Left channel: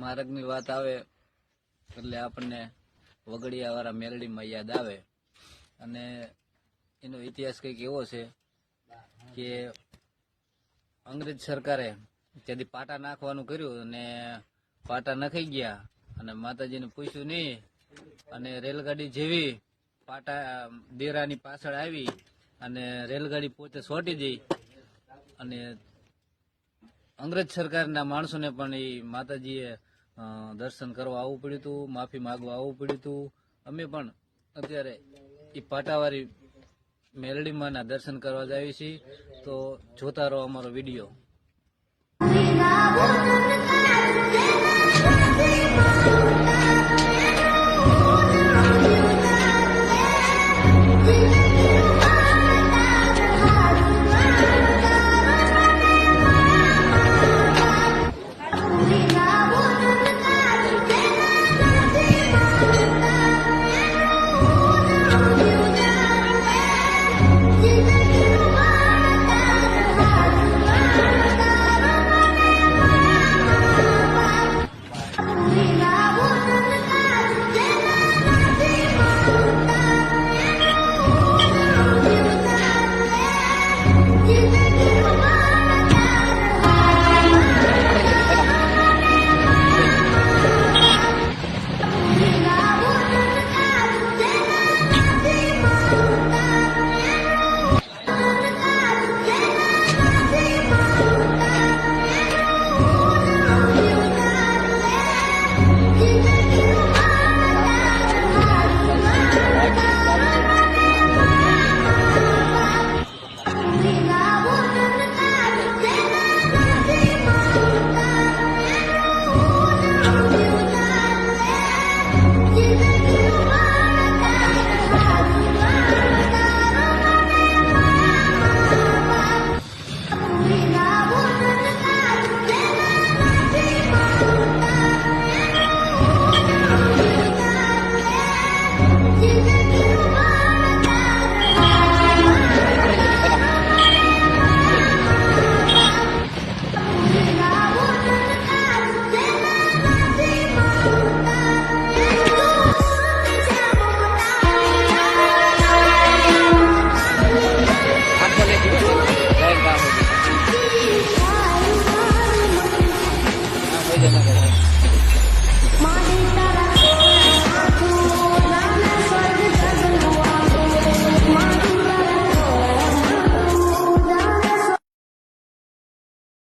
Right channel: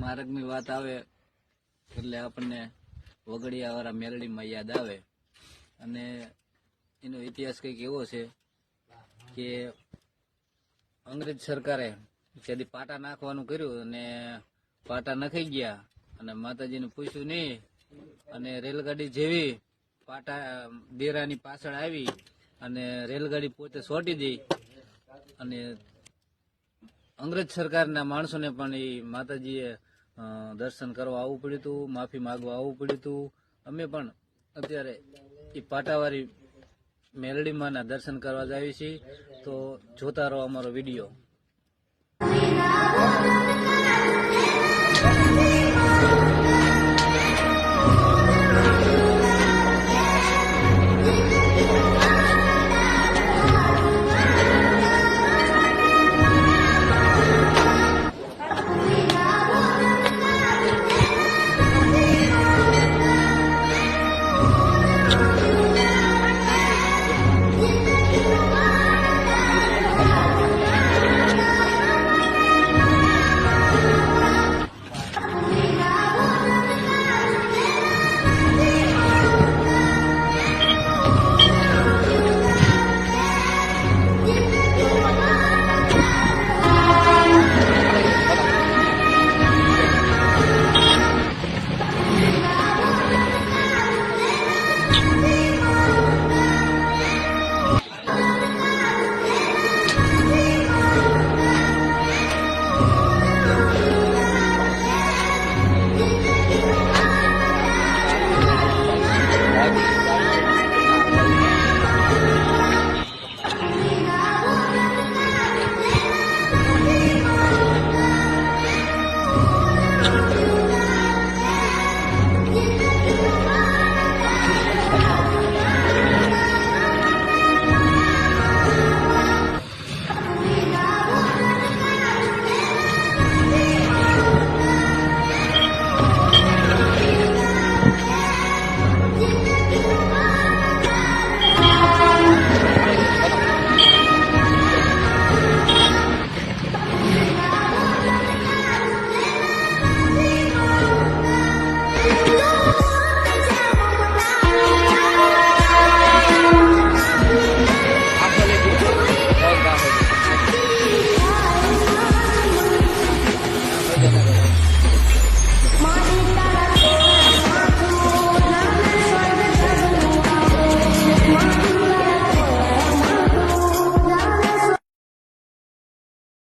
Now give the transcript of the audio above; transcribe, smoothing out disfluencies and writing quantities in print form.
માર્ગની વાત આવે એટલે આપણને વગડિયાવાળા મેલડીમાં યાદ આવે અને એનો ઇતિહાસ કંઈક એવો છે કે અંગ્રેજ સરકારે ત્યાંથી પાટા નાખવાનું કર્યું અને પાટા નખાઈ ગયા અને માતાજીને પૂછ્યું નહીં અને રેલગાડી જેવી પાટા દેરાની પાછળ આવી અને રેલગાડી પોતે છોટી દઈ અને અંગ્રેજ સરકારના માણસોને પણ એ માતાજીએ દર્શન કરવા આવવું પડ્યું હતું, માફી માગવા આવવું પડ્યું હતું. અમે પણ અત્યારે એ પાટાવાળી મેલડીમાંના દર્શન કરવા જઈએ છીએ. તો જોતા રહો અમારો વિડીયો.